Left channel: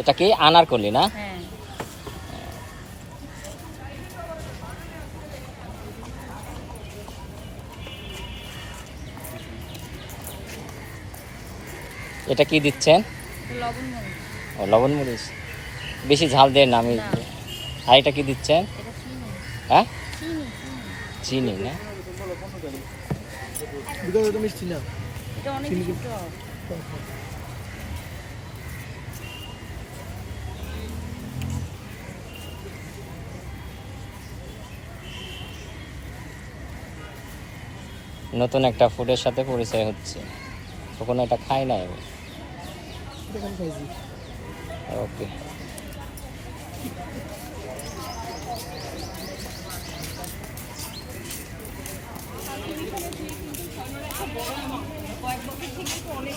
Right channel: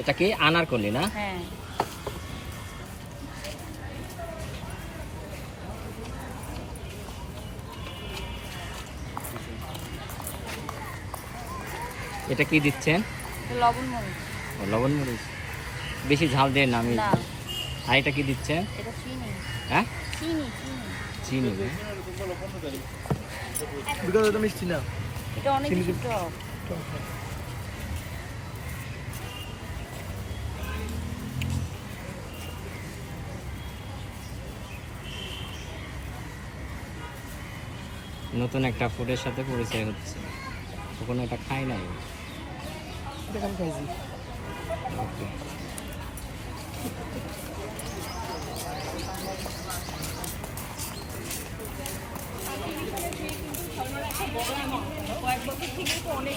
এটা কি আনারকলি না? হ্যাঁ। এটা কি দিচ্ছেন? লবণ মরিচ। লবণ মরিচ বেশি ঝাল দেন না আমি। না। আর এটা কি দিচ্ছেন? এটা চিনি। হ্যাঁ চিনি চিনি না? এটা মিষ্টি না, এটা অনেক বেশি টক। নতুন একটা ফুডের সাথে পরিচয় হচ্ছে, কখনো এটা খাই না আমি। ওকে। কয়েক বছর থেকে তো অনেক